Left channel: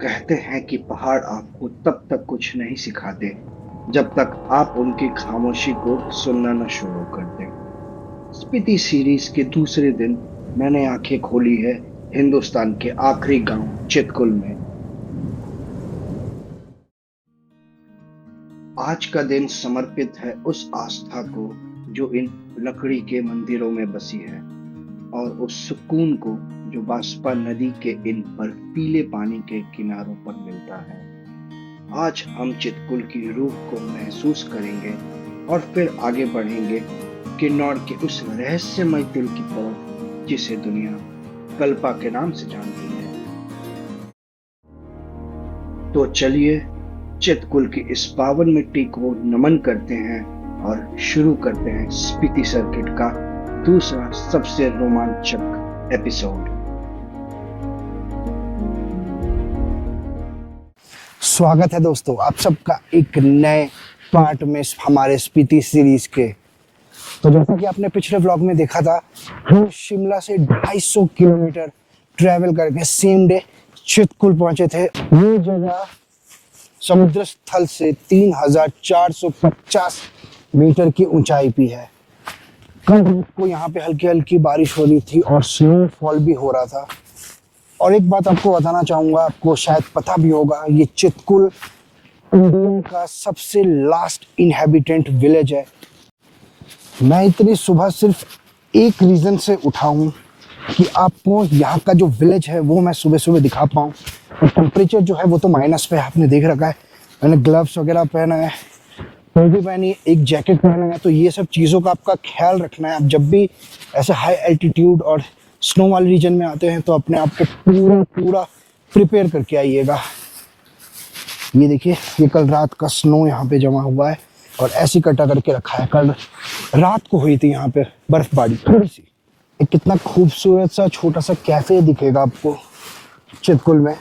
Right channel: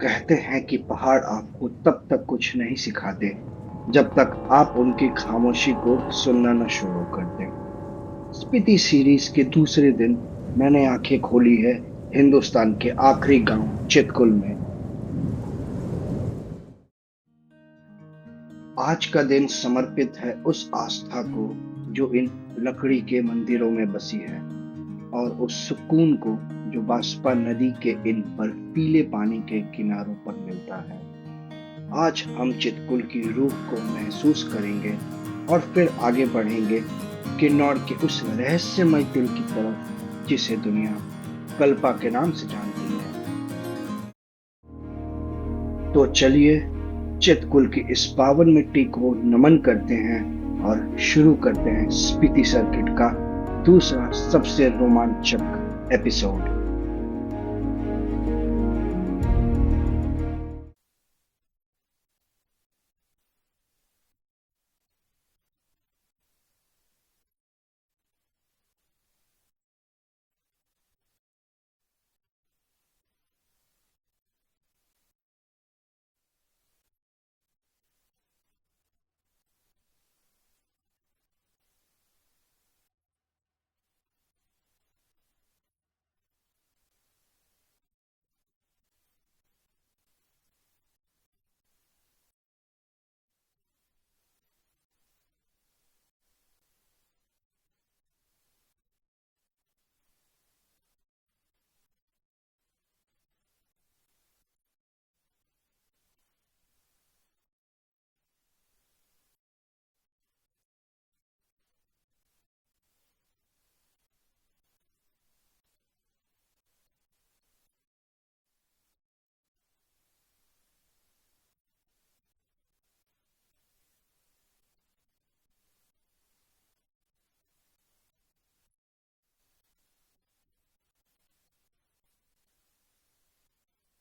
कहते हैं कि पहाड़ आपको तब तक कुछ नहीं सिखाते जब तक आप उनकी खामोशी को सुनना न शुरू कर दें। स्पीति सीरीज के दूसरे दिन मैंने आंखें खोली है हिंदुस्तान के आखिरी गांव चितकुल में। आज का दिन समर्पित है उस आस्था को जो इन लकड़ी के मंदिरों में बसी है, और उस सुकून को जो बांसपा नदी के इन बर्फीले पानी के किनारों पर मिलता है। आज हम चितकुल की रूह को महसूस करेंगे और फिर आगे बढ़ेंगे किन्नौर के उस रहस्यमय दिल की तरफ जिसे दुनिया कल्पा के नाम से जानती है। तो चलिए चितकुल की इस पावन मिट्टी को नमन करते हैं और शुरू करते हैं स्पीति सर्किट का दूसरा सबसे रोमांचक एपिसोड। स्वागत है दोस्तों आप सबका एक नए पार्ट में हमारे स्पीति सीरीज के। तो जैसा कि आपने पिछले व्लॉग में देखा था, हम शिमला से 250 किलोमीटर ट्रैवल करके सेम डे चितकुल पहुंचे थे। ये जगह समुद्र स्थल से 3450 मीटर की ऊंचाई पे है। कल रात को यहाँ पे हल्की हल्की बारिश हो रही थी और स्नोफॉल भी हो रहा था। और एक बात आपको बताना चाहूँगा, आपको शायद पता भी होगा, ये चितकुल इंडिया का सबसे लास्ट इनहेबिटेंट विलेज है। मैं इतनी सुबह सिर्फ एक रीज़न से उठा हूँ कि आपको यहाँ का जो विलेज है वो मैं सुबह सुबह दिखा पाऊँ। और टेम्परेचर जो है वो तो माइनस पे है, आपने देख रखा है। मैंने ग्लव्स वगैरह पहना है, टोपी पहनी है, एक जैकेट पहना है। तो ये सब चीज़ों का आपका ख्याल रखना है। आप जब भी ऐसे हाई एल्टीट्यूड और स्नो वाले रीजन में आते हैं तो अपने आप को पूरा पूरा प्रिपेयर करके आइएगा। ये देखिए, ये कल रात का स्नो यहाँ पे जमा हुआ है और ऐसी कटा करके रखा है। कल रात को हुई थी यहाँ पे बर्फबारी थोड़ी सी। एक कितना खूबसूरत सा छोटा सा कैफे दिखेगा आपको चितकुल में।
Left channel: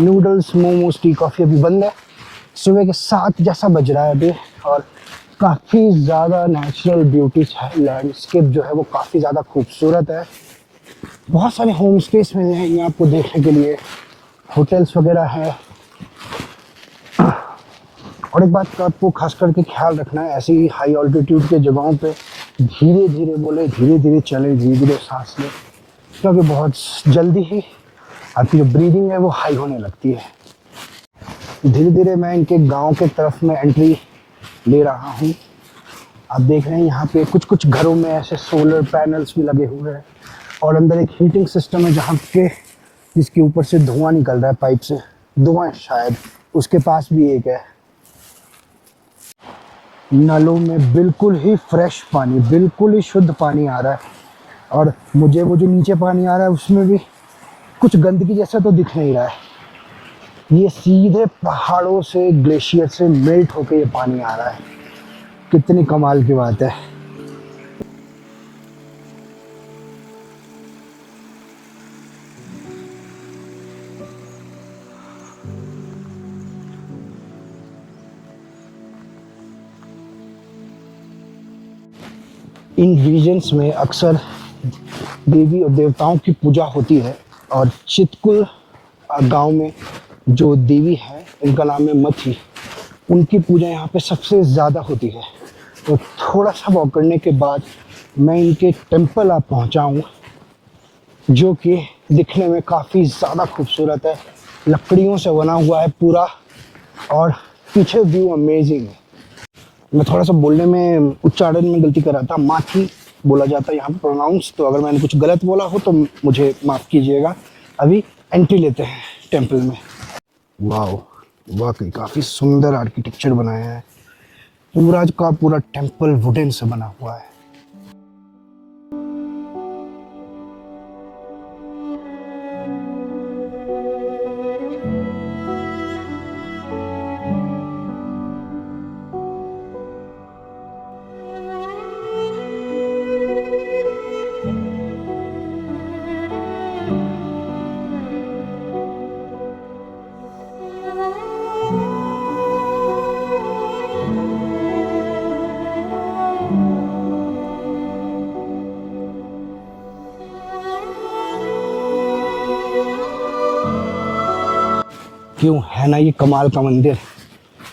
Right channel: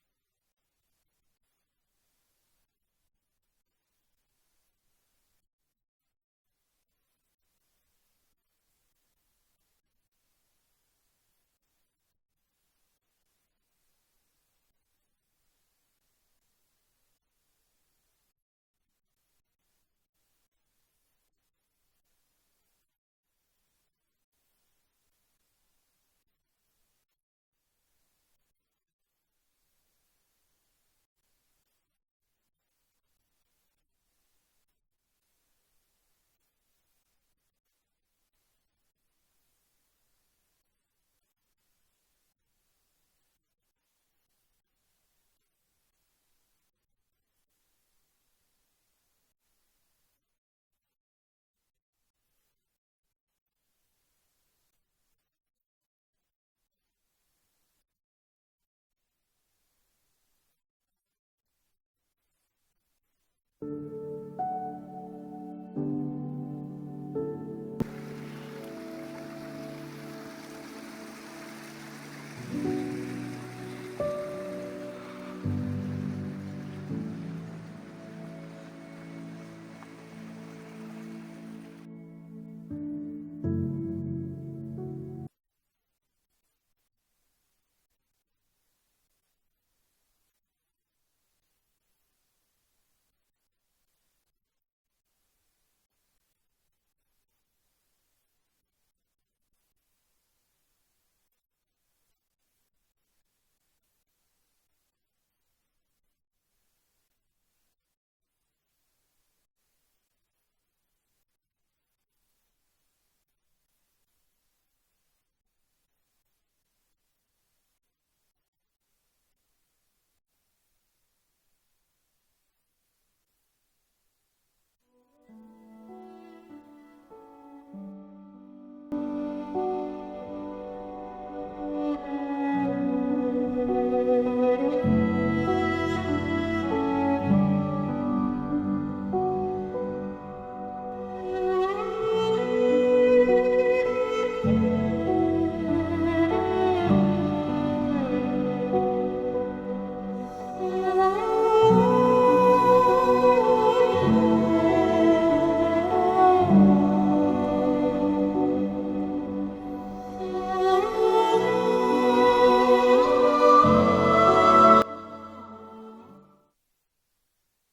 नूडल्स, मोमोज, टी, कॉफ़ी अभी बंद है। सुबह के 7 जैसा बज रहा है अभी, और काफ़ी ज़्यादा नेचुरल ब्यूटी है। लैंडस्केप जो है वो काफ़ी ज़्यादा खूबसूरत है। बहुत सारे होम स्टेस में हैं ये आपको देखने के लिए, होटल्स वगैरह है। और एक बात का आपको खास करके ख्याल रखना है, ऐसी हाई ऑल्टीट्यूड के जगहों पे धीरे धीरे बोले, धीरे धीरे चले, धीरे धीरे सांस लें, क्योंकि बहुत जल्दी ही आपकी जो ब्रीदिंग है वो हाई होने लगती है। धीरे धीरे मैं इनके गांव के तरफ में एंट्री ले रहा हूँ। आप देख रहे हैं यहाँ पे कुछ कुछ घरों में ऐसे सोलर पैनल्स भी लगे हुए हैं, और अंदर एक हीटिंग सिस्टम है जहाँ पे जिसके ऊपर से धुआं निकल रहा है पाइप से। धुआं शायद उसके पास भी एक है। नलों में बिल्कुल ही फ्रेश पानी, बिल्कुल ही शुद्ध पानी आ रहा है। और मुझे वो जो नीचे पानी आ रहा है उसमें भी कुछ गंदगी जैसा तो दिख नहीं रहा है। ये सीधे पहाड़ों से, ग्लेशियर से मेल्ट होके ये पानी आ रहा है। कितनी कमाल की बात है। इन रीजन्स में अक्सर देवी और देवताओं की पूजा होती है, और चितकुल गांव में जो देवी है उनका नाम है मथी, उनकी पूजा यहाँ पे सबसे ज़्यादा होती है। तो थोड़ा सा वॉक करने के बाद मैं इनके टेम्पल आप पहुँचा हूँ, जो कि दिखने में काफ़ी ज़्यादा खूबसूरत है। लकड़ियों से बना हुआ है पूरा, और पीछे व्यू अमेजिंग है। मैं थोड़ा सा बोलने में, उच्चारण में गलती कर रहा था। माथी बोला जाता है यहाँ पे प्रोनाउंस, तो अगर मैंने कुछ गलत बोला हो तो मुझे माफ़ कीजिएगा। अभी एंट्री लेते हैं टेम्पल में। वाओ, वाकई काफ़ी सुंदर आर्किटेक्चर बनाया है। पूरा का पूरा टेम्पल वुडन से बना हुआ है। क्यों, है ना ये कमाल का मंदिर।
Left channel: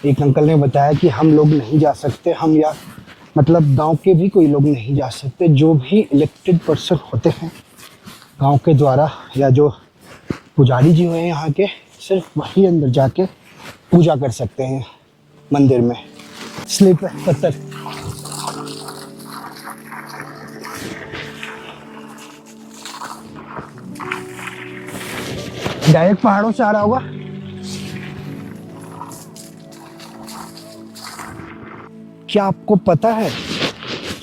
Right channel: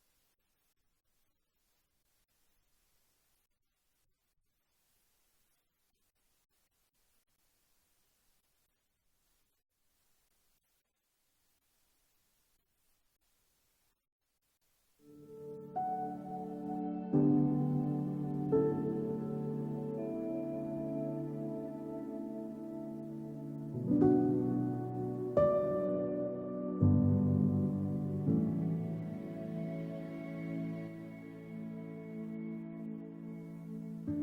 एक अंकल ने बताया कि हम लोग नहीं जा सकते, हम या मतलब गांव के भी कोई लोग नहीं जा सकते, जो भी इलेक्टेड पर्सन होते हैं गांव के द्वारा या जो पुजारी जी हुए हैं यहाँ के, सिर्फ वही अंदर जाके पूजा कर सकते हैं मंदिर में। स्लिप है पत्थर। डायरेक्ट पहाड़ों से आ रहा होगा। क्या आपको पता है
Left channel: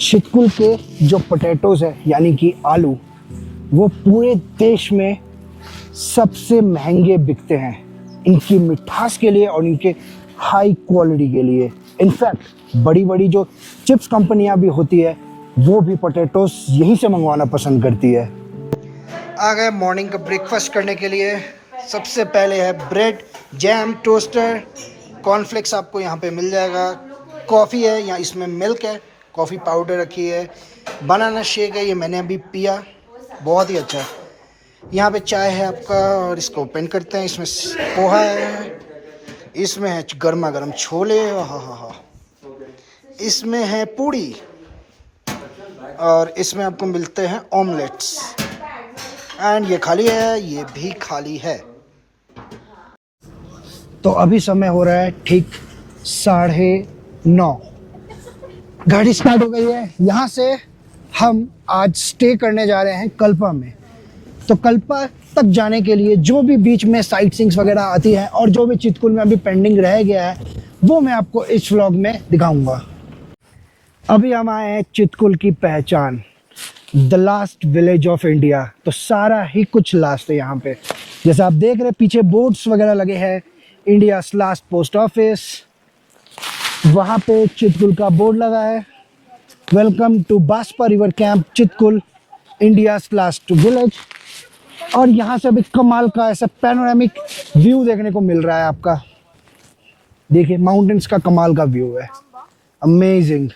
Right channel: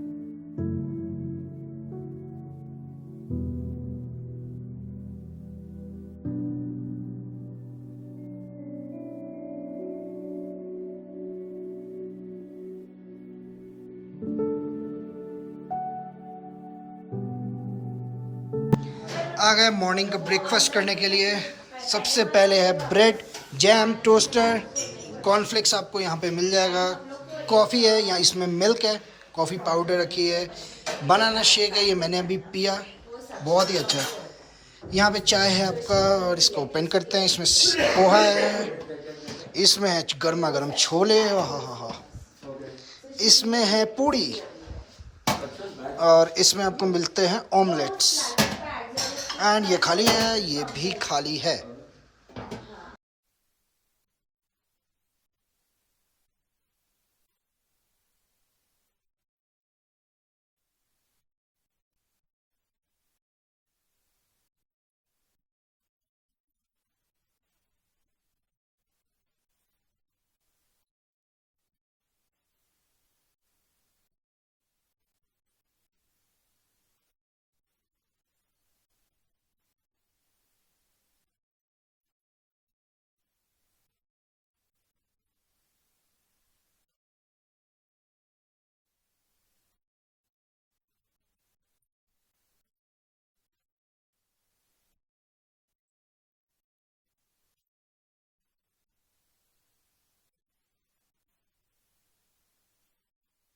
चितकुल के जो पोटैटोज है यानी कि आलू, वो पूरे देश में सबसे महंगे बिकते हैं इनकी मिठास के लिए और इनके हाई क्वालिटी के लिए। इनफैक्ट बड़ी बड़ी जो चिप्स कंपनियां भी होती है वो भी पोटैटोज यहीं से मंगवाना पसंद करती है। आ गए मॉर्निंग का ब्रेकफास्ट करने के लिए। सबसे पहले है ब्रेड, जैम, टोस्टर, कॉर्नफ्लेक्स आपको यहाँ पे मिल जाएगा। कॉफ़ी है यहाँ, इसमें मिल्क है, कॉफ़ी पाउडर रखी है, बनाना शेक है, ये मैंने अभी पिया, बहुत ही अच्छा है। यहाँ पे चाय है आपका और इसको ओपन करते हैं। इसमें पोहा है, इसमें है गर्मा गर्म छोले, हाँ, इसमें है पूड़ी और इसमें आपको मिलते हैं ऑमलेट्स। एंड ये खाली है, ये भी खाली है। तो अभी समय हो रहा है ठीक 9:30। गाड़ी स्टार्ट हो गई है। यहाँ से हम आज स्टे करने जा रहे हैं कल्पा में। तो कल्पा तक जाने के लिए जो भी बीच में साइट सीइंग्स वगैरह आती है और जो भी चितकुल में अभी पेंडिंग रह गया है वो मैं आपको इस व्लॉग में दिखाऊंगा। अभी हम आए हैं चितकुल की पहचान, the last village of India. तो सारा ही कुछ लास्ट है यहाँ पे। जैसे आप देख रहे हैं पीछे बोर्ड्स वगैरह लगे हैं, इंडिया लास्ट पोस्ट ऑफिस, वहाँ पे चितकुल का बोर्ड लगा है, welcome to Baspa river camp Chitkul, India last village. और यहाँ से अभी कमाल का ऐसा पैनोरामिक व्यू देखने को मिल रहा है आपका। देखिए माउंटेन्स का कमाल का व्यू है, अमेजिंग।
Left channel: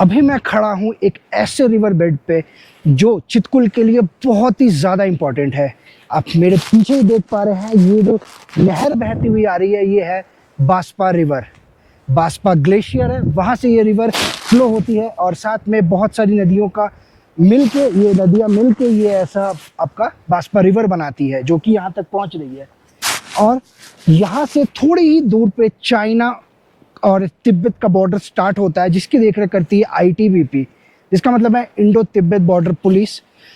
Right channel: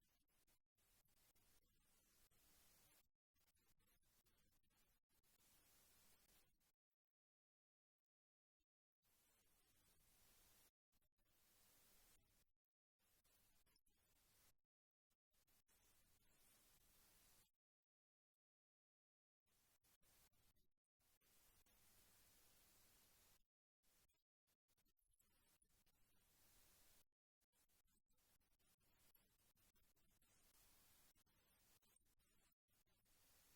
अभी मैं खड़ा हूँ एक ऐसे रिवर बेड पे जो चितकुल के लिए बहुत ही ज़्यादा इम्पोर्टेंट है। आप मेरे पीछे ही देख पा रहे हैं, ये जो नहर बहती हुई आ रही है ये है बास्पा रिवर। बास्पा ग्लेशियर है, वहाँ से ये रिवर फ्लो होती है और साथ में बहुत सारी नदियों का मिलके, ये नदियाँ मिलके ये ऐसा आपका बास्पा रिवर बनाती है जो कि यहाँ तक पहुँच रही है। और यहाँ से थोड़ी ही दूर पे चाइना और तिब्बत का बॉर्डर स्टार्ट होता है, जिसकी देखरेख करती है ITBP, जिसका मतलब है इंडो तिब्बत बॉर्डर पुलिस।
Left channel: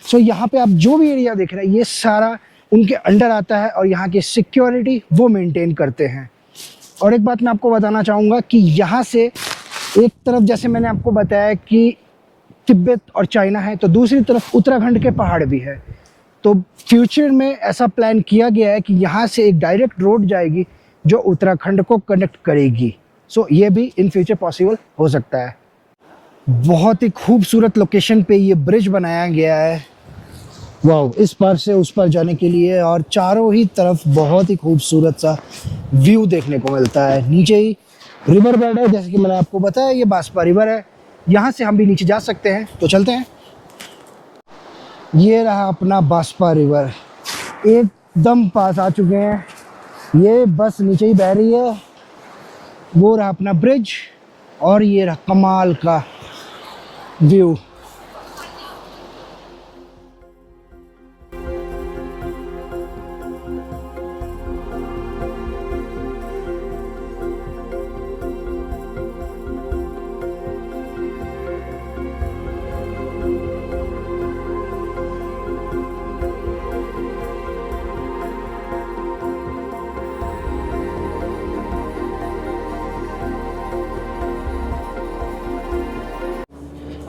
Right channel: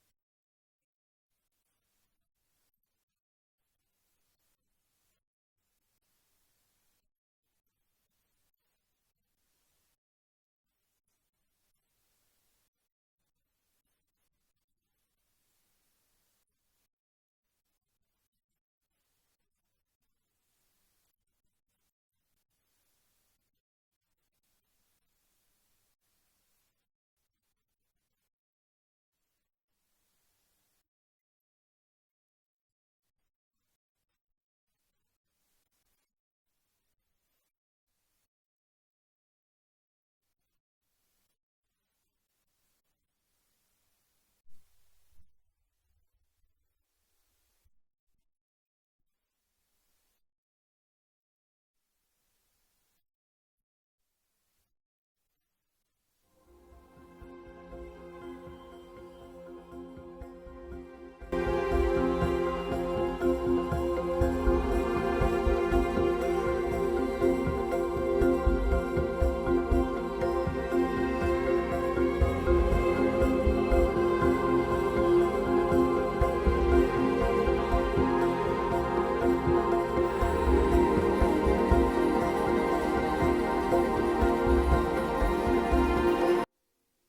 सो यहाँ पे आप जो भी एरिया देख रहे हैं ये सारा उनके अंडर आता है और यहाँ की सिक्योरिटी वो मेंटेन करते हैं। और एक बात मैं आपको बताना चाहूँगा कि यहाँ से एक तरफ जैसे मैंने आपको बताया कि तिब्बत और चाइना है, तो दूसरी तरफ उत्तराखंड के पहाड़ भी है। तो फ्यूचर में ऐसा प्लान किया गया है कि यहाँ से एक डायरेक्ट रोड जाएगी जो उत्तराखंड को कनेक्ट करेगी। सो ये भी इन फ्यूचर पॉसिबल हो सकता है। बहुत ही खूबसूरत लोकेशन पे ये ब्रिज बनाया गया है, वाह, इस पार से उस पार जाने के लिए। और चारों ही तरफ बहुत ही खूबसूरत सा व्यू देखने को मिलता है। नीचे ही रिवर बेड है, जैसे कि मैंने आपको बताया ये बास्पा रिवर है, यहाँ से हम भी नीचे जा सकते हैं। तो चलते हैं। ये रहा अपना बास्पा रिवर, एकदम पास आ चुके हैं। ये बस नीचे ही बह रही है। वो रहा अपना ब्रिज और ये रहा कमाल का व्यू।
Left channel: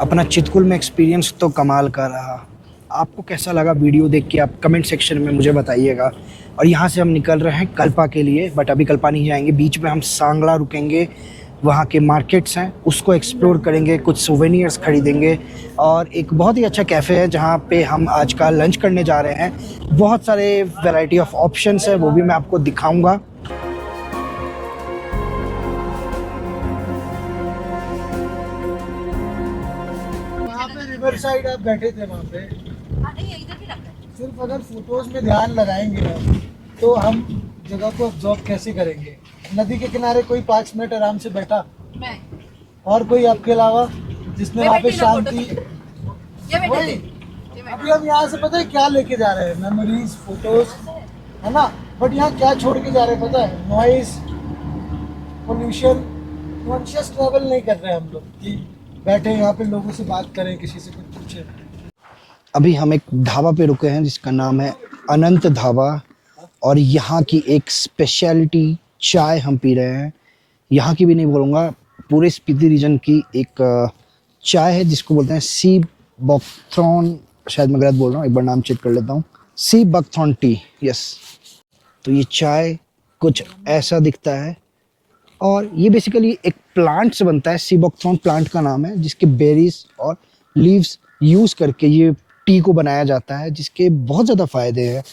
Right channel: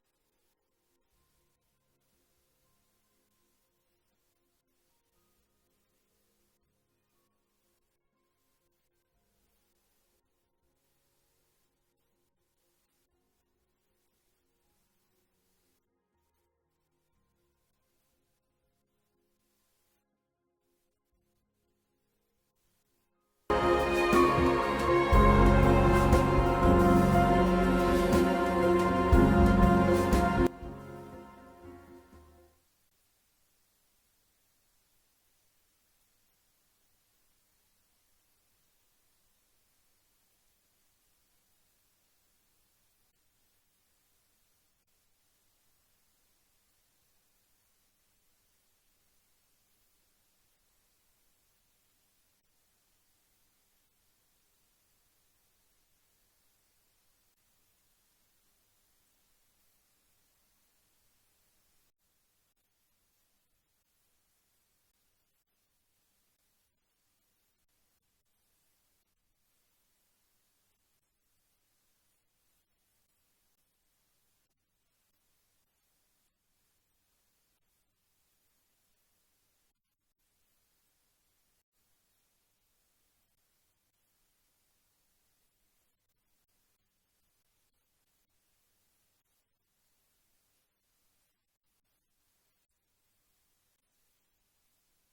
अपना चितकुल में एक्सपीरियंस तो कमाल का रहा। आपको कैसा लगा वीडियो देख के आप कमेंट सेक्शन में मुझे बताइएगा। और यहाँ से हम निकल रहे हैं कल्पा के लिए, बट अभी कल्पा नहीं जाएंगे, बीच में हम सांगला रुकेंगे, वहाँ के मार्केट्स हैं उसको एक्सप्लोर करेंगे, कुछ सोवेनियर्स खरीदेंगे। और एक बहुत ही अच्छा कैफ़े है जहाँ पे हम आज का लंच करने जा रहे हैं। बहुत सारे वैरायटी ऑफ ऑप्शंस है, वो भी मैं आपको दिखाऊँगा। रिवर साइड आप बैठे थे वहाँ पे, सिर्फ अगर फोटोज में ध्यान लगाएंगे ना तो हम जगह को ऑब्जॉर्व कैसे करेंगे? नदी के किनारे कोई 5 मिनट आराम से बैठा, मैं और कोई आपके अलावा जिसने मैं वहाँ पे बैठी ना, फोटो शांति? ये बैठे वही। थे, ये बैठे। अभी हम यहाँ से पता है क्या लेके जा रहे हैं? मेमोरीज, फोटोज, है ना? बट यहाँ क्या छोड़ के जा रहे हैं पता है? Noise, pollution. कॉन्शियस ट्रैवल नहीं कर रहे हैं हम लोग कि बैठे यहाँ पे लोगों से बात करें, किसी से कुछ पूछे। अभी हम एक ढाबा पे रुके हैं जिसका नाम है अनंत ढाबा, और यहाँ की एक स्पेशलिटी चाय हम पी रहे हैं। यहाँ की भी नहीं बोलूँगा, पूरे स्पीति रीजन की एक चाय है जिसको बोलते हैं सी बकथॉर्न, शायद मैं गलत बोल रहा हूँ, एक बार नाम चेक कर लेता हूँ। Sea buckthorn T, yes. तो ये चाय कुछ ऐसा दिखता है, और ये बेसिकली एक प्लांट से बनता है। सी बकथॉर्न प्लांट का नाम है, जिसके बेरीज और लीव्स यूज़ करके ये टी को बनाया जाता है, जिसके बहुत ज़्यादा फ़ायदे हैं।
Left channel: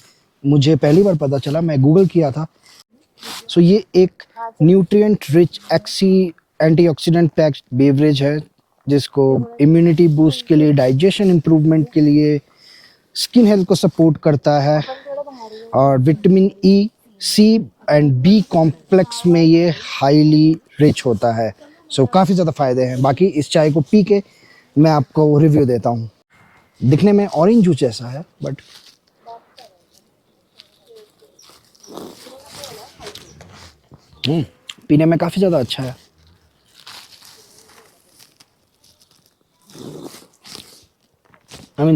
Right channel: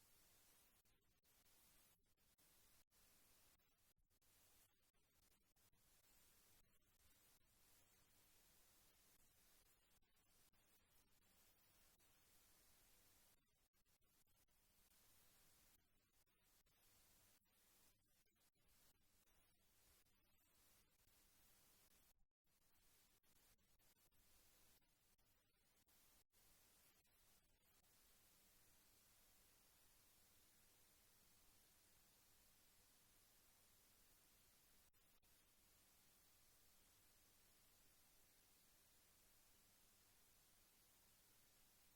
मुझे पहली बार पता चला, मैं गूगल किया था। सो ये एक nutrient rich antioxidant packed beverage है, जिसको इम्यूनिटी बूस्ट के लिए, डाइजेशन इम्प्रूवमेंट के लिए, स्किन हेल्थ को सपोर्ट करता है, और vitamin E, C and B complex में ये हाईली रिच होता है। सो काफ़ी ज़्यादा फ़ायदे हैं। बाकी इस चाय को पी के मैं आपको रिव्यू देता हूँ। दिखने में ऑरेंज जूस जैसा है, बट पीने में काफ़ी ज़्यादा अच्छा है।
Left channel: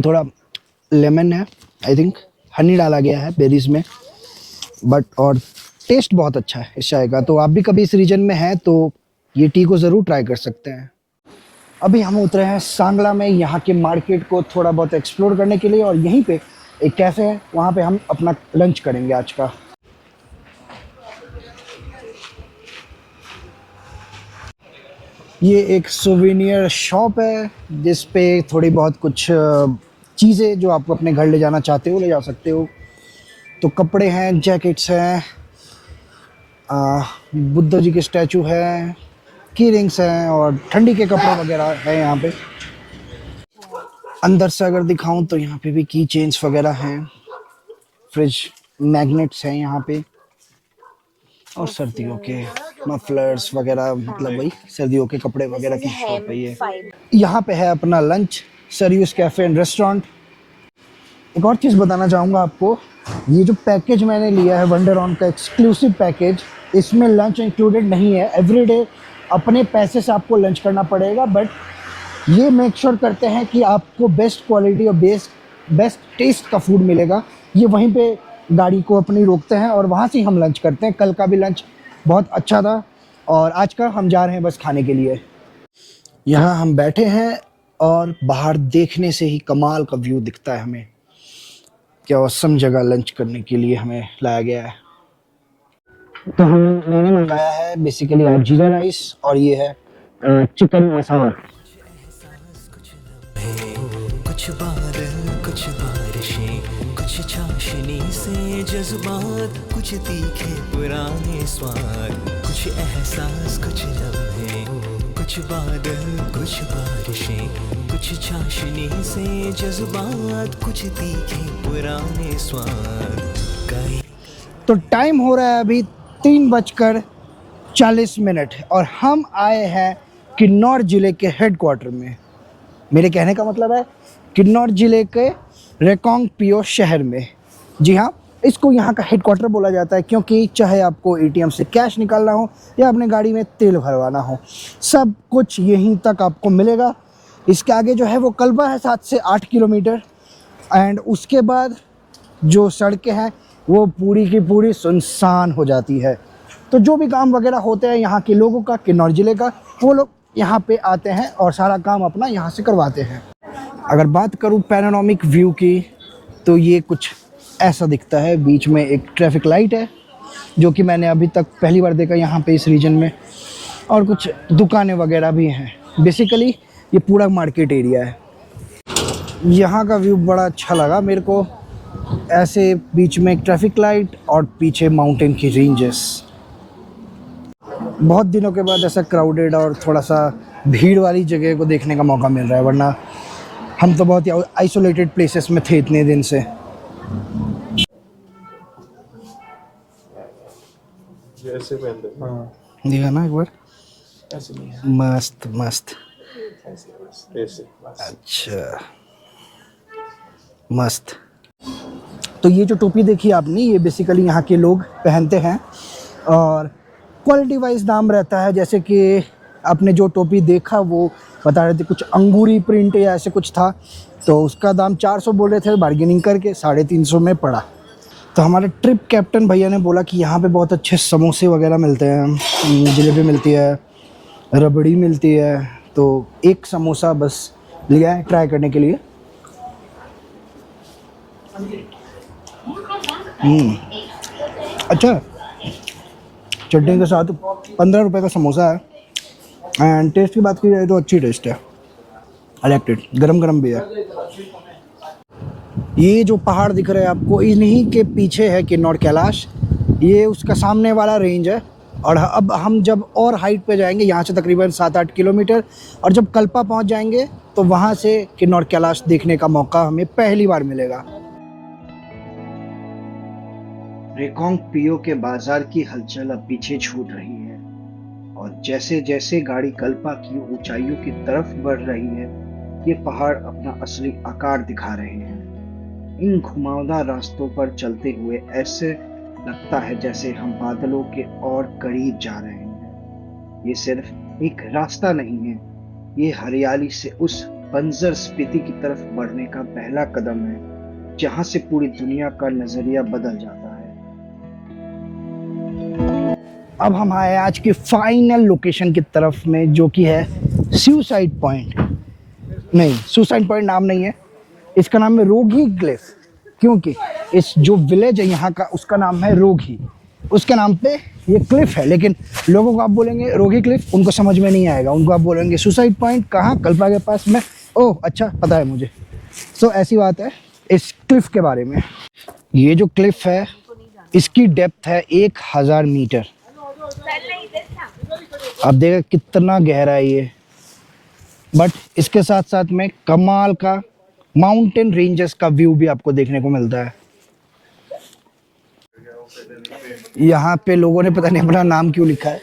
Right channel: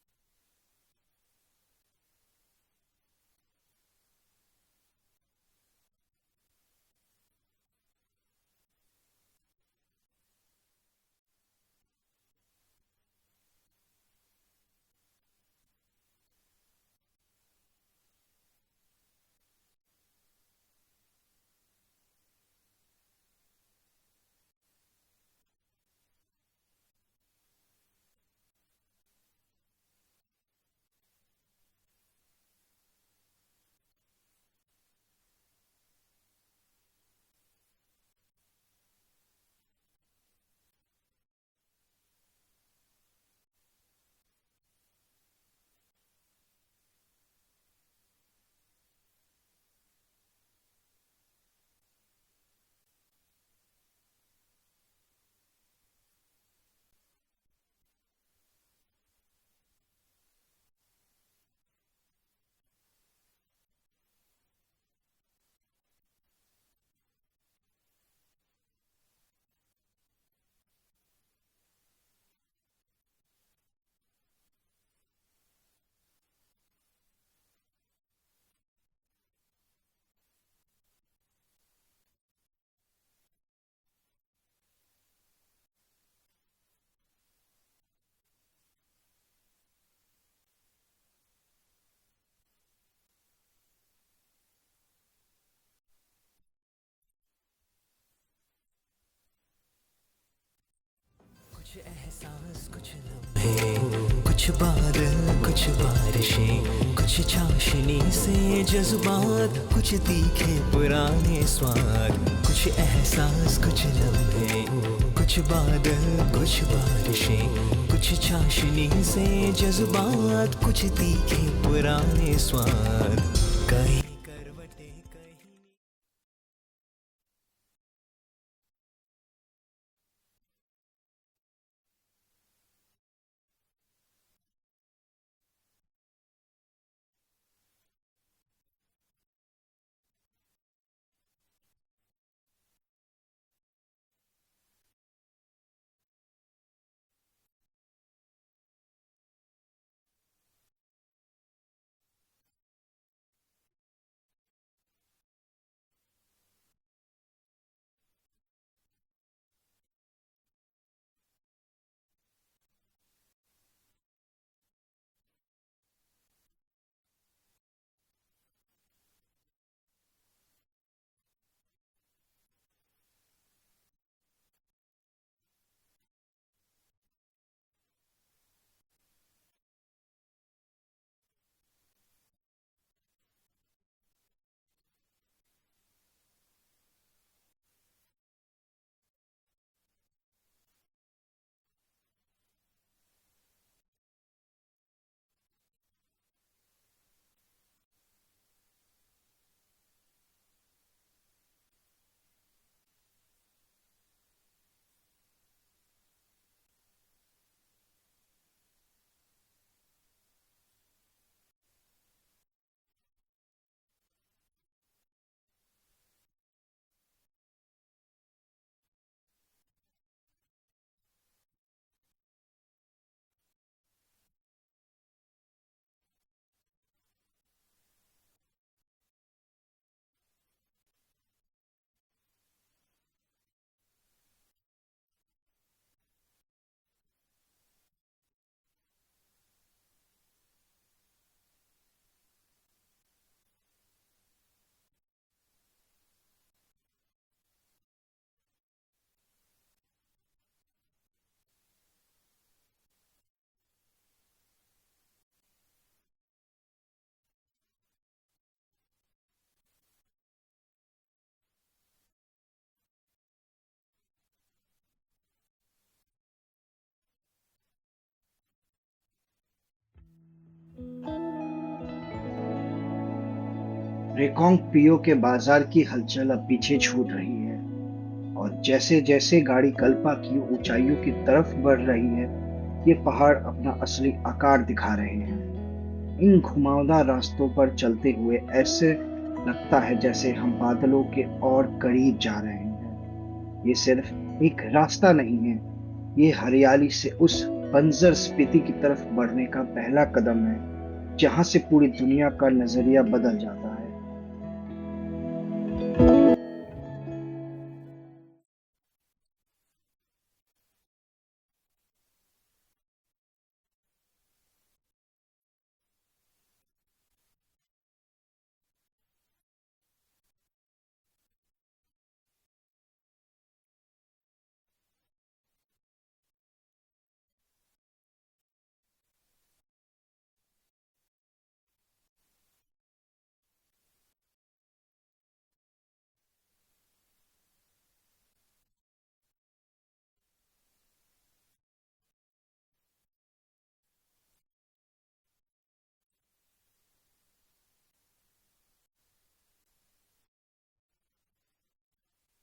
थोड़ा लेमन है, आई थिंक हनी डाला गया है बेरीज में, बट और टेस्ट बहुत अच्छा है इस चाय का। तो आप भी कभी इस रीजन में हैं तो ये टी को ज़रूर ट्राई कर सकते हैं। अभी हम उतरे हैं सांगला में, यहाँ के मार्केट को थोड़ा बहुत एक्सप्लोर करने के लिए, और यहीं पे एक कैफ़े है, वहाँ पे हम अपना लंच करेंगे आज का। ये एक सोवेनियर शॉप है जिस पे थोड़ी बहुत कुछ चीज़ें जो आप अपने घर ले जाना चाहते हो ले जा सकते हो। तो कपड़े हैं, जैकेट्स हैं, बुद्ध जी के स्टैचू है, की रिंग्स हैं, और ठंडी के कपड़े वगैरह हैं यहाँ पे। अंदर से अगर दिखाऊं तो यहाँ पे भी की चेन्स वगैरह हैं, फ्रिज मैग्नेट्स हैं यहाँ पे, और सर्दियों के मफलर्स वगैरह, मतलब वही सर्दियों के कपड़े वगैरह की शॉप है ये। यहाँ पे है अपना lunch, serious cafe and restaurant. एक और चीज़ बताना चाहूँगा आपको, ये जो पैकेज मैंने लिया है वंडरऑन का एक्सक्लूसिव पैकेज, इसमें लंच इंक्लूडेड नहीं है। एवरीडे अपने पैसे से आपको लंच करना पड़ेगा, बट ये मेक श्योर करते हैं कि आपको बेस्ट क्वालिटी और बेस्ट टेस्ट का फूड मिलेगा। ये वहीं पे गाड़ी को अपनी रोकते हैं और वहाँ से हम लंच करते हैं। कल का भी लंच बहुत अच्छा था, और आज का हम जा रहे हैं बस खाने के लिए। यहाँ हम बैठे हैं और बाहर देखने से ही कमाल का व्यू दिखता है हमें। क्या औसम जगह लंच करने के लिए हमें लाया गया है। तो मैंने मंगाया है बेसिकली जीरा राइस, और ये है चिकन मसाला। कुछ बादल, कुछ बारिशें, कुछ चाशनी से जज्बात, कुछ तीखे पुराने स्वाद, कुछ एहसास, कुछ लम्हे। कुछ बादल, कुछ बारिशें, कुछ चाशनी से जज्बात, कुछ तीखे पुराने स्वाद। कहीं तो टाइम हो रहा है अभी 3:40 और हम आए हैं किन्नौर ज़िले के हेडक्वार्टर में। मेरे कहने का मतलब है किन्नौर ज़िले के रेकोंगपिओ शहर में। जी हाँ, इसको यहाँ का हेडक्वार्टर बोला जाता है, क्योंकि चाहे आपको एटीएम से कैश निकालना हो या अपने गाड़ी में तेल भरवाना हो, सब कुछ यहीं तक आपको मिलेगा। इसके आगे जो है वो कल्बा है 7 से 8 किलोमीटर, एंड उसके बाद जो सड़कें हैं वो पूरी की पूरी सुनसान हो जाती है। तो जो भी काम वगैरह होते हैं यहाँ के लोगों का, किन्नौर ज़िले का, वो लोग यहाँ पे आते हैं और सारा काम अपना यहाँ से करवाते हैं। अगर बात करूँ पैनोरामिक व्यू की, तो ये कुछ ऐसा दिखता है। बीच में एक ट्रैफिक लाइट है, जो कि मैंने अभी तक पहली बार देखा यहाँ पे इस रीजन में, और कुछ दुकानें वगैरह भी हैं। बेसिकली ये पूरा मार्केट एरिया है। यहाँ का व्यू बड़ा अच्छा लगा मेरे को, ऐसे बीच में एक ट्रैफिक लाइट और पीछे माउंटेन की रेंजेस। बहुत दिनों के बाद ऐसा क्राउडेड और थोड़ा सा भीड़ वाली जगह को देखने का मौका मिल रहा है, वरना हम तो बहुत ही आइसोलेटेड प्लेसेस में थे इतने दिन से। ऐसे पहनते हैं। हाँ देखा ना एक बार, ऐसे नहीं है, मस्त मस्त। ऐसे अच्छा मस्त। तो ये जो टोपी देखी आपने, ये बेसिकली यहाँ के लोग पहनते हैं और क्वालिटी वाइज दाम रहता है। जैसे कि आपने जो टोपी देखा वो बता रहे थे कुछ अंगूरी प्रिंट या ऐसे कुछ था, तो उसका दाम 400 बोल रहे थे, बार्गेनिंग करके 350 में पड़ा। तो हमारे ट्रिप कैप्टन भैया ने बोला कि यहाँ पे बहुत अच्छे समोसे वगैरह मिलते हैं, जलेबी मिलती है, रबड़ी मिलती है, तो एक समोसा बस लिया है ट्राई करने के लिए। अच्छा, चटनी के साथ 15 रुपए का समोसा है एंड टेस्ट की बात की जाए तो अच्छी टेस्ट है, इलेक्टेड, गरम गरम भी है। ये जो पहाड़ दिख रहे हैं आपको, इन्हीं के पीछे है किन्नौर कैलाश, ये उसका सामने वाला रेंज है। और अब हम जब और हाइट पे जाएंगे, यहाँ से तकरीबन 7-8 किलोमीटर, और जब कल्पा पहुँच जाएंगे तो वहाँ से किन्नौर कैलाश देखने का मौका हमें पहली बार मिलेगा। रेकोंग पियो के बाजार की हलचल अब पीछे छूट रही है और जैसे जैसे गाड़ी कल्पा की ऊंचाइयों की तरफ बढ़ रही है, ये पहाड़ अपना असली आकार दिखा रहे हैं। इन घुमावदार रास्तों पर चलते हुए ऐसे लगता है जैसे हम बादलों के और करीब जा रहे हैं। ये सिर्फ एक रास्ता नहीं है, ये हरियाली से उस बंजर स्पीति की तरफ बढ़ने का पहला कदम है, जहां से पूरी दुनिया का नजरिया बदल जाता है। अब हम आए आज की फाइनल लोकेशन की तरफ में, जो कि है सुसाइड पॉइंट। नहीं, सुसाइड पॉइंट नाम नहीं है, इसका नाम है रोगी क्लिफ, क्योंकि इस जो विलेज है यहाँ का उसका नाम है रोगी, उसके नाम पे ये क्लिफ है। लेकिन लोगों को आप बोलेंगे रोगी क्लिफ, उनको समझ में नहीं आएगा, उनको आप बोलेंगे सुसाइड पॉइंट कहाँ, कल्पा के पास में। ओह अच्छा, पता है मुझे। तो ऐसी बात है इस क्लिफ के बारे में। ये जो क्लिफ है इसकी डेप्थ है 1000 मीटर। आप देखिए कितना गहरा है ये, बट इसके साथ साथ में कमाल का माउंटेन रेंजेस का व्यू भी आपको देखने को मिलता है। यहाँ पे लोगों ने पता नहीं अपना नाम क्यों लिखा है।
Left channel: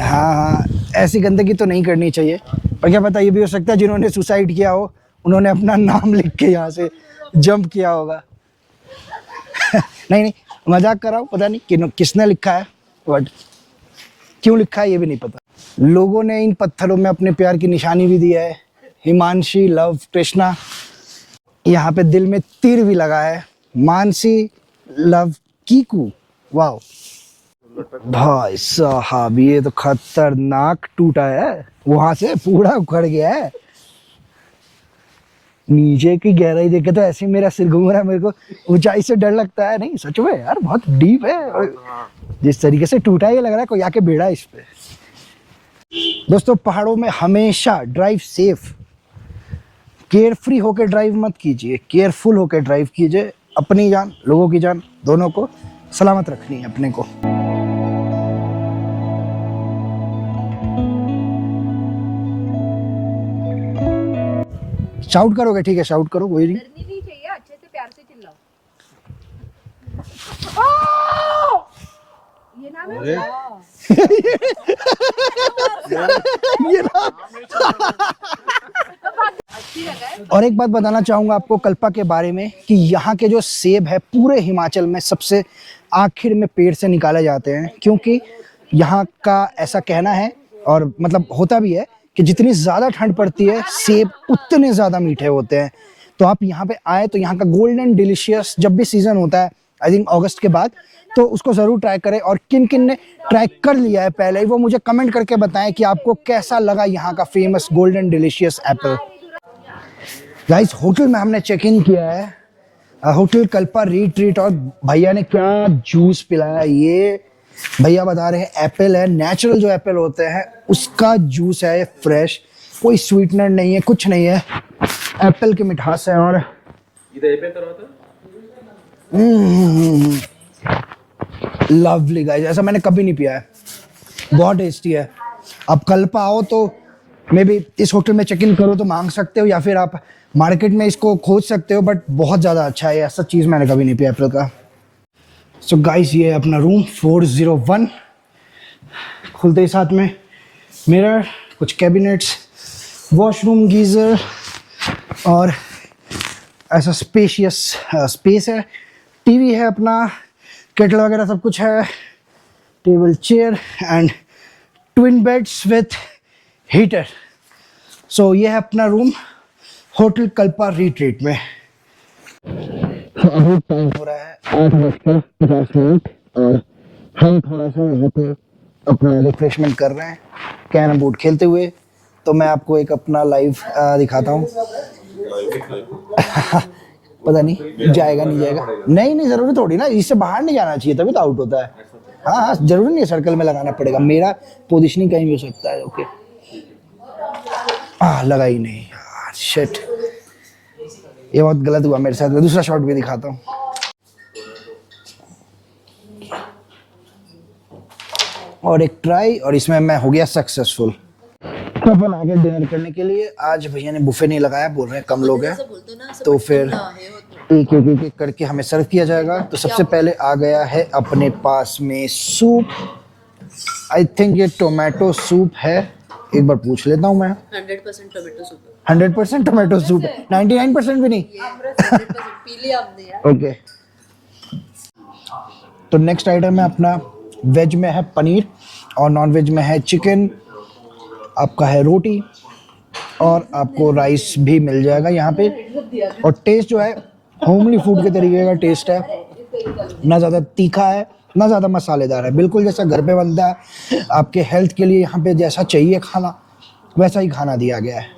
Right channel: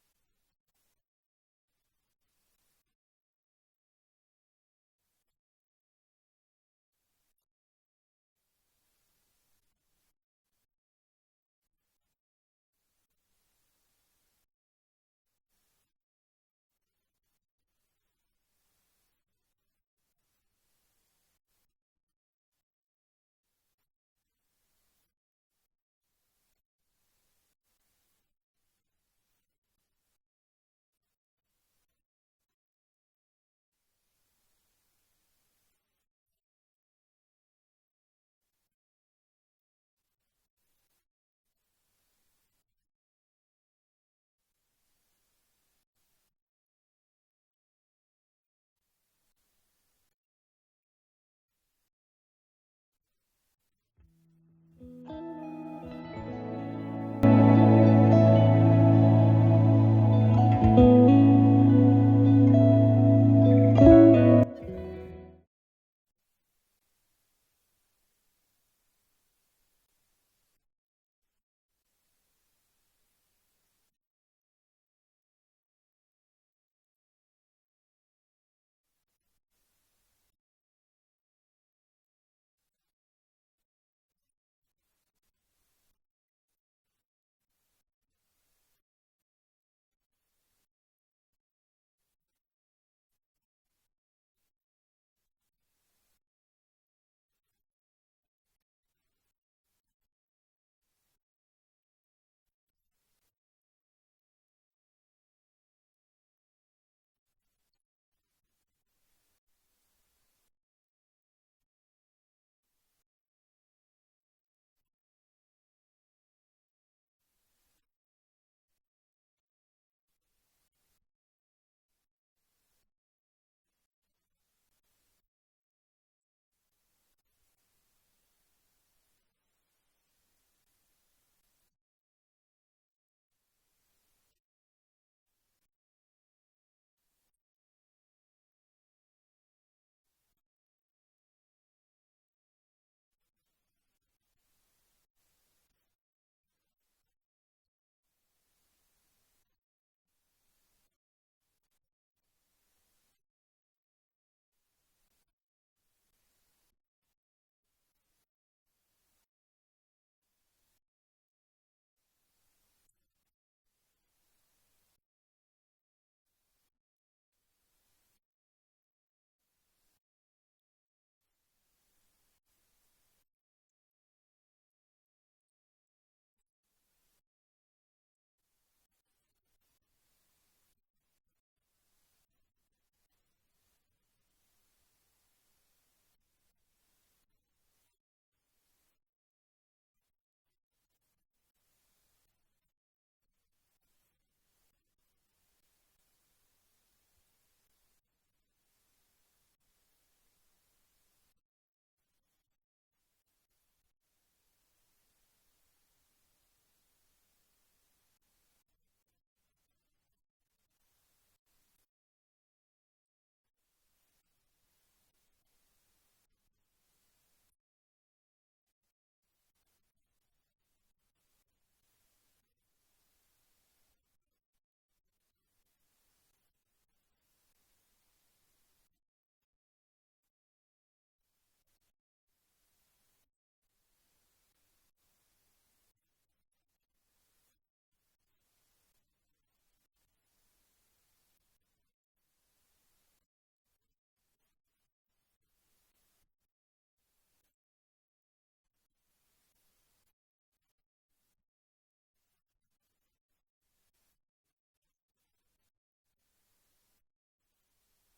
हाँ हाँ, ऐसी गंदगी तो नहीं करनी चाहिए, पर क्या पता ये भी हो सकता है जिन्होंने सुसाइड किया हो उन्होंने अपना नाम लिख के यहाँ से जंप किया होगा। नहीं नहीं, मजाक कर रहा हूँ, पता नहीं किसने लिखा है, बट क्यों लिखा है ये भी नहीं पता। लोगों ने इन पत्थरों में अपने प्यार की निशानी भी दी है, हिमांशी लव कृष्णा। यहाँ पे दिल में तीर भी लगा है, मानसी लव कीकू। वाओ भाई साहब, ये तो खतरनाक टूटा है, वहां से पूरा उखड़ गया है। नीचे की गहराई देखे तो ऐसे मेरा सिर घूम रहा है, मेरे को ऊंचाई से डर लगता है। नहीं सच में यार, बहुत डीप है, और जिस तरीके से टूटा है ये लग रहा है कोई आके बेड़ा इस पे। दोस्तों, पहाड़ों में हमेशा ड्राइव सेफ, केयरफ्री होकर ड्राइव मत कीजिए, केयरफुल होकर ड्राइव कीजिए। अपनी जान, लोगों की जान, दोनों को सलामत रखनी है अपने को। शाउट करोगे? ठीक है, शाउट करो, कोई नहीं। डरनी नहीं चाहिए, अच्छे से प्यार से चिल्लाओ। ये नाम है ये ना। और एक बात बताना चाहूंगा आपको कल्पा के बारे में कि यहाँ के जो सेब है पूरे हिमाचल में सबसे आखिर में पेड़ से निकाले जाते हैं, क्योंकि यहाँ का ऐसा कहना है, और मतलब होता भी है, कि जितनी ज़्यादा ठंड पड़ती है सेब उतने ज़्यादा मीठे होते हैं। तो आप यहाँ पे आए तो यहाँ का गोल्डन डिलीशियस जब भी सीज़न होता है, आई थिंक अगस्त के बाद, तो उसको ज़रूर ट्राई करें। और किन किन ने ट्राई कर लिया है पहले ही, वो मुझे कमेंट करके बताएं कि आपको कैसा लगा यहाँ का famous golden delicious Apple. Guys, hotel में हमने चेक इन किया है, होटल कल्पा रिट्रीट, और भैया ने क्या जूस पिलाया। ये भैया बता रहे हैं एप्पल है, नेचुरल जो एप्पल होते हैं उसका जूस है, फ्रेश, कोई स्वीटनर नहीं है, कुछ नहीं है, एप्पल की मिठास है। और लवली गाइस, ऐसा मैंने कभी नहीं पिया है, बहुत टेस्टी है। आप कल्पा आओ तो मे बी इस होटल में चेक इन करो तो मांग सकते हो, या फिर आप मार्केट में इसको खोज सकते हो, बट बहुत ज़्यादा अच्छा है, ऐसा चीज़ मैंने कभी नहीं पिया एप्पल का। सो गाइस ये है अपना रूम 401। खुलते ही साथ में मिरर, कुछ कैबिनेट्स, वॉशरूम, गीज़र और ऐसा स्पेशियस स्पेस है। टीवी है अपना, केटल वगैरह सब कुछ है, table chair and twin beds with heater. So ये है अपना रूम होटल कल्पा रिट्रीट में। अभी टाइम हो रहा है 8:50 और हम थोड़ा सा यहाँ पे अपना रिफ्रेशमेंट कर रहे हैं कैरम बोर्ड खेलते हुए। तो मैं आपको एक अपना लाइव दिखाता हूँ। पता नहीं जाएगा नहीं जाएगा, नहीं जरूरी थोड़ी ना, इससे बाहर नहीं जाना चाहिए तभी तो आउट होता है। हाँ जरूरी नहीं है सर्कल में लगाना पड़ेगा, मेरा पोजीशनिंग कहीं भी हो सकता है। ओके लगा ही नहीं यार, शिट, ये बहुत गलत हुआ मेरे साथ। मैं दूसरा शॉट भी दिखाता हूँ। और एक ट्राई, और इसमें मैं हो गया सक्सेसफुल। तो अपन आगे डिनर करने के लिए, आज भैया ने बुफे नहीं लगाया, बोल रहे हैं कम लोग हैं तो फिर एक करके हमें सर्व किया जाएगा। तो सबसे पहले आ गया है अपने पास में सूप। आई थिंक ये टोमेटो सूप है, एक बार पूछ लेता हूँ मैं। 100% टोमेटो सूप है। 100% टोमेटो सूप है, 99% भी नहीं। पी लिया हमने यार। ओके तो नेक्स्ट आइटम है अपना, वेज में है पनीर और नॉन वेज में है चिकन, आपका है रोटी और आपको राइस भी मिल जाएगा यहाँ पे। और टेस्ट जो है होमली फूड के तरीके का टेस्ट है, ना ज़्यादा तीखा है ना ज़्यादा मसालेदार है, बिल्कुल जैसा घर पे बनता है। आपके हेल्थ के लिए यहाँ पे जैसा चाहिए खाना वैसा ही खाना दिया गया है।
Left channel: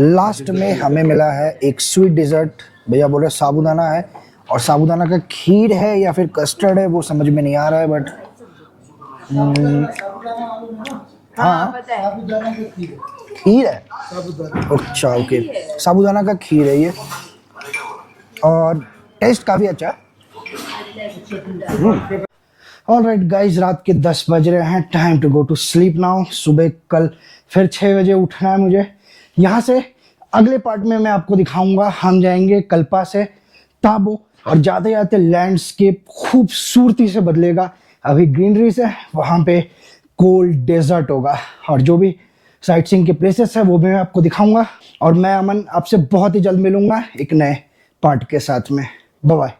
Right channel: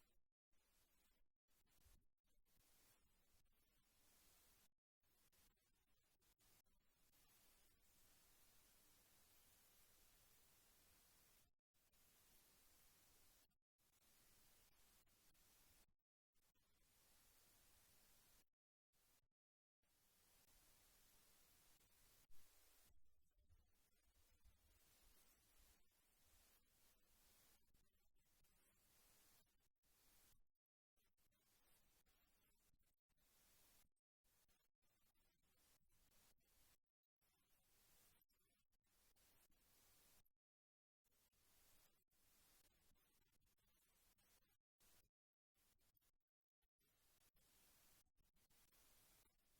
लास्ट में हमें मिला है एक स्वीट डिज़र्ट, भैया बोल रहे साबूदाना है, और साबूदाना का खीर है या फिर कस्टर्ड है वो समझ में नहीं आ रहा है, बट हाँ खीर है। अच्छा ओके, साबूदाना का खीर है ये, और टेस्ट काफ़ी अच्छा है। ऑलराइट गाइज, रात के 10 बज रहे हैं, time to go to sleep now. सुबह कल फिर 6 बजे उठना है मुझे। यहाँ से अगले पार्ट में मैं आपको दिखाऊंगा, हम जाएंगे कल्पा से ताबो, और जाते जाते लैंडस्केप खूबसूरती से बदलेगा। अभी ग्रीनरी से वहाँ पे कोल्ड डेजर्ट होगा, और जो भी साइट सीइंग के प्लेसेस है वो भी मैं आपको दिखाऊंगा। और मैं अमन आपसे बहुत ही जल्द मिलूंगा एक नए पार्ट के साथ में। Bye bye.